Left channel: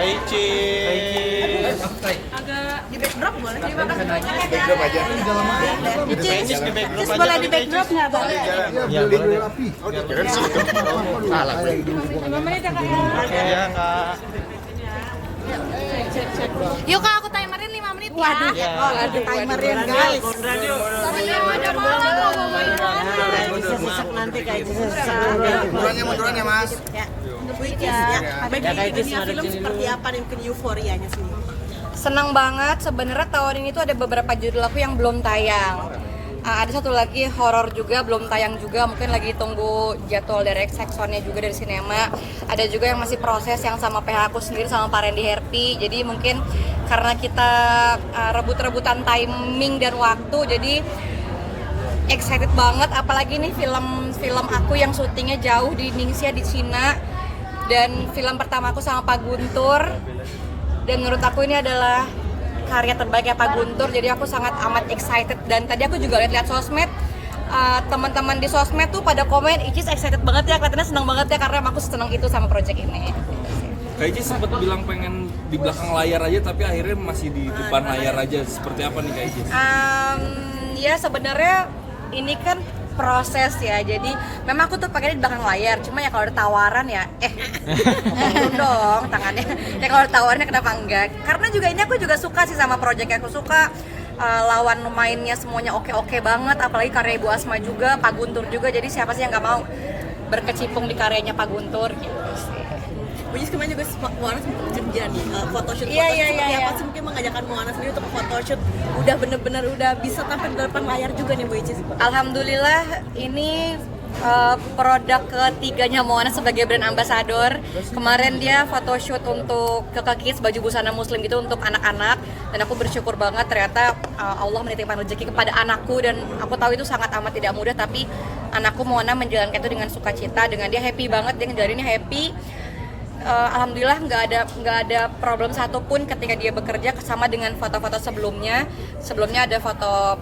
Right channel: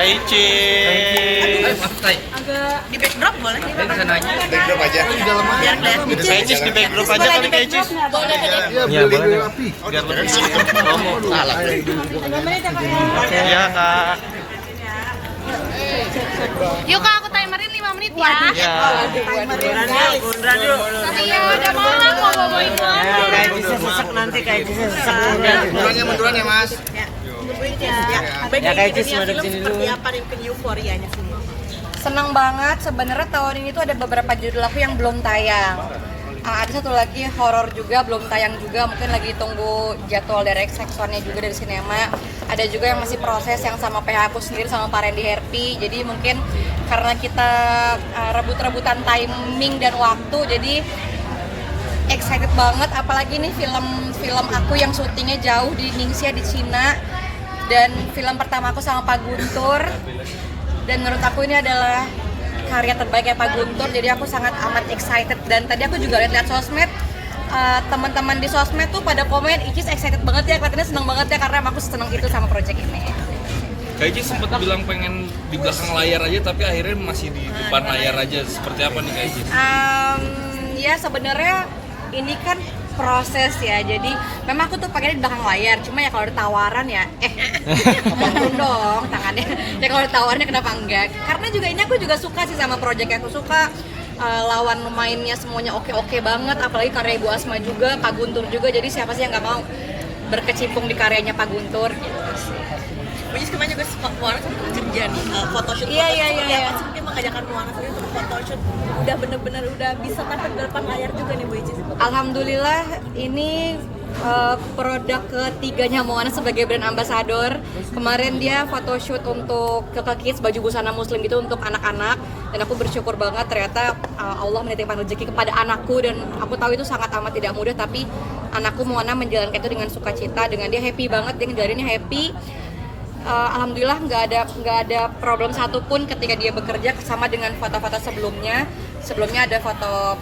Kaici. Agak di backdrop boleh? Di sana aja. Backdrop aja. Di dalam aja. Kaici di backdrop aja Boleh kali di Kaici. backdrop nggak? Iya, beli api. Iya Kak. Yuk Kak, aku timerin 5 menit ya. Ya. Timerin guys. Tadi yang ada mana mau ngomongin Munduran ya Mas. Seperti apa nih mungkin euforianya sendiri? Senang banget sebenarnya tahun ini tuh ada beberapa judul aku yang belum tayang. Ada satu lagi horor juga belum tayang juga, mungkin lagi tunggu jadwal dari X1-nya juga dari sinema. Ada juga yang masih proses yang sama PH aku sendiri sama Pak Randy Herpi. Jadi mungkin karena kita rebut-rebutan timing dan waktu, jadi excited banget. Apalagi nih film aku yang syutingnya jauh di Ningxia di Cina, dan film pertama aku sama Pak Guntur. Dan menurut aku ini adalah karya terbaiknya Pak Guntur, jadi aku sangat amat excited. Dan tadi aku juga lihat sosmed, teman-teman di sosmed tuh pada komen, Icis excited banget ya, kelihatannya seneng banget ya, karena emang aku seneng itu sama project ini. Kayaknya sempat bilang pengen di belakang layar aja, tapi akhirnya masih di depan layar aja. Seperti apa nih kayaknya? Ya sebenarnya ini kan proses ya, jadi memang aku tuh pengen di belakang layar, cuma ya kalau ada tawaran ya ngomong dong tangannya ya, kalau ada tawarannya kenapa enggak, karena juga ini aku juga suka sih sama project aku suka. Lawan mainnya semuanya oke banget, apalagi karya Ibu Asma juga, Pak Guntur juga, jadi siapa sih yang nggak mau berkecimpung di karyanya Pak Guntur gitu. Which is kemarin juga Moana sempat kerja nih, photoshoot. Iya. Apa sih mungkin mengajarkan Moana sendiri untuk photoshoot udah bener-bener udah bisa tampil di depan layar juga nih Bu Icis. Alhamdulillah ini produk ketiganya Moana sebagai brand ambassador. Kemarin dia photoshoot untuk Keke Kids, baju busana muslim gitu untuk anak-anak, dan aku bersyukur banget ternyata Allah menitipkan rezeki kepada anakku, dan aku tahu itu sangat amat tidak mudah, tapi anakku Moana menjalankan itu dengan sukacita, dengan dia happy banget, dia ngejalaninnya happy. Alhamdulillah nggak ada problem satupun ketika dia bekerja, sama dengan foto-foto sebelumnya ada foto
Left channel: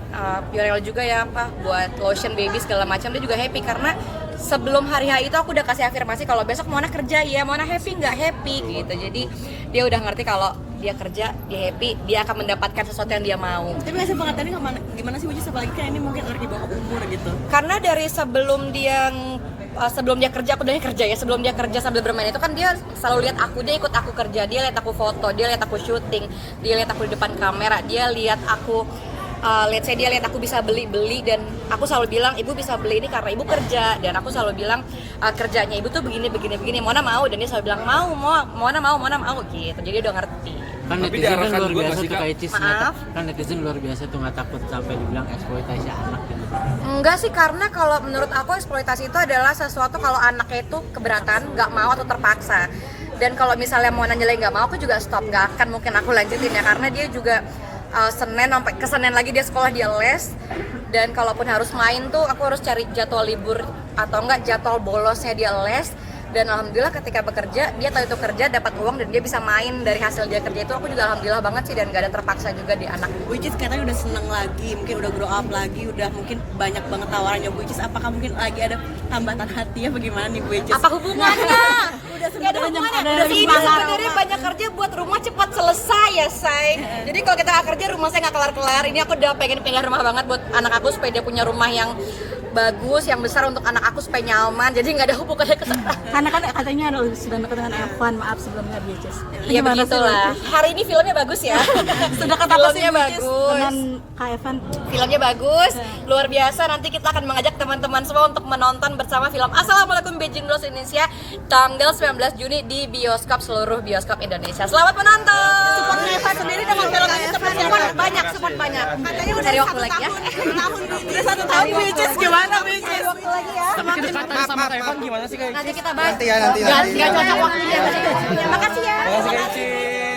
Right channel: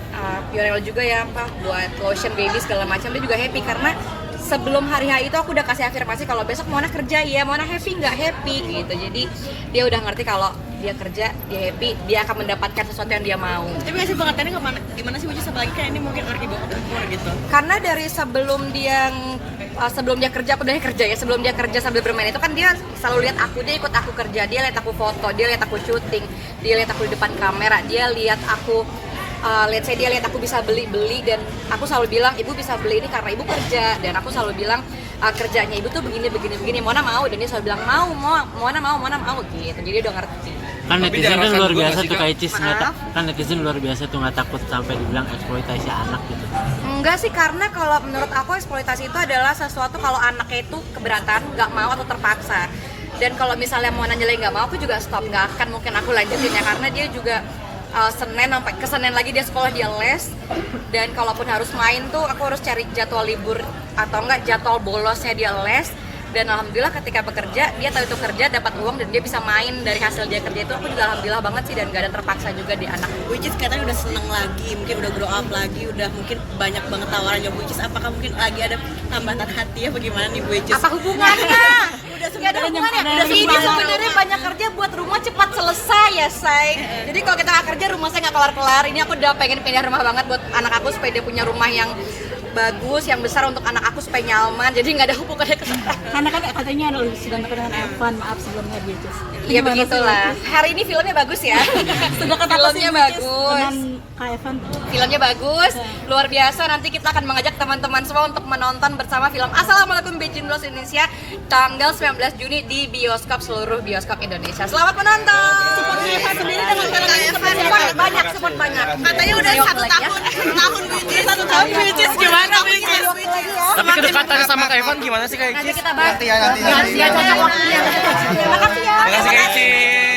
Pionel juga ya buat lotion baby segala macam, dia juga happy karena sebelum hari itu aku udah kasih afirmasi kalau besok Mona kerja ya, Mona happy nggak happy gitu, jadi dia udah ngerti kalau dia kerja, dia happy, dia akan mendapatkan sesuatu yang dia mau. Tapi nggak sih pengertiannya gimana sih Bu Icis, apalagi kan ini mungkin order dibawa umur gitu. Karena dari sebelum dia kerja, aku udah kerja ya, sebelum dia kerja sambil bermain itu kan dia selalu lihat aku, dia ikut aku kerja, dia lihat aku foto, dia lihat aku syuting, dia lihat aku di depan kamera, dia lihat aku dia lihat aku bisa beli, dan aku selalu bilang ibu bisa beli ini karena ibu kerja, dan aku selalu bilang kerjanya ibu tuh begini, Mona mau, dan dia selalu bilang Mona mau gitu, jadi dia udah ngerti. Kan netizen kan luar biasa tuh kayak Cis, Maaf? netizen luar biasa tuh, nggak takut sampai dibilang eksploitasi anak gitu. Enggak sih, karena kalau menurut aku eksploitasi itu adalah sesuatu kalau anaknya itu keberatan, nggak mau atau terpaksa. Dan kalau misalnya Mona nyelain nggak mau, aku juga stop, nggak akan mungkin aku lanjutin ya, karena dia juga Senin sampai ke Senin lagi dia sekolah, dia les, dan kalaupun harus main tuh aku harus cari jadwal libur atau enggak jadwal bolosnya dia les. Dan alhamdulillah ketika bekerja dia tahu itu kerja, dapat uang, dan dia bisa main dari hasil dia kerja itu, aku juga alhamdulillah banget sih, dan gak ada terpaksa juga di anak. Bu Icis katanya udah seneng lagi, mungkin udah grow up lagi, udah mungkin banyak banget tawarannya Bu Icis. Apakah mungkin lagi ada tambatan hati ya, bagaimana nih Bu Icis? Apa hubungannya? Gak ada hubungannya. Ini sebenarnya banyak kerja buat rumah cepat selesai ya, say. Jadi kalau kita gak kerja, rumah saya gak kelar-kelar. Ini aku udah pengen pindah rumah banget buat anak aku supaya dia punya rumah yang bagus, yang besar untuk anak aku supaya nyaman. Jadi nggak ada hubungannya ke karena kan katanya sudah dekat dengan Evan, maaf sebelumnya Bu Icis. Iya begitulah. Hari ini filmnya bagus ya. Sudah kata filmnya bagus. Dengan Kak Evan. Filmnya bagus, luar biasa. Nanti kita akan mengajak teman-teman semua untuk menonton bersama film Assalamualaikum Beijing Dolls Indonesia tanggal 19 Juni di bioskop, seluruh bioskop Indonesia. Selamat menonton. Support Evan sendiri dengan film ini seperti apa? Support banyak. Katanya udah satu tahun Bu Icis gimana Bu Icis? Tapi kedekatan sama Kak Evan gimana sih Kak Icis? Kita Nanti ya. cocok waktunya. Makasih ya. Makasih Kak Icis.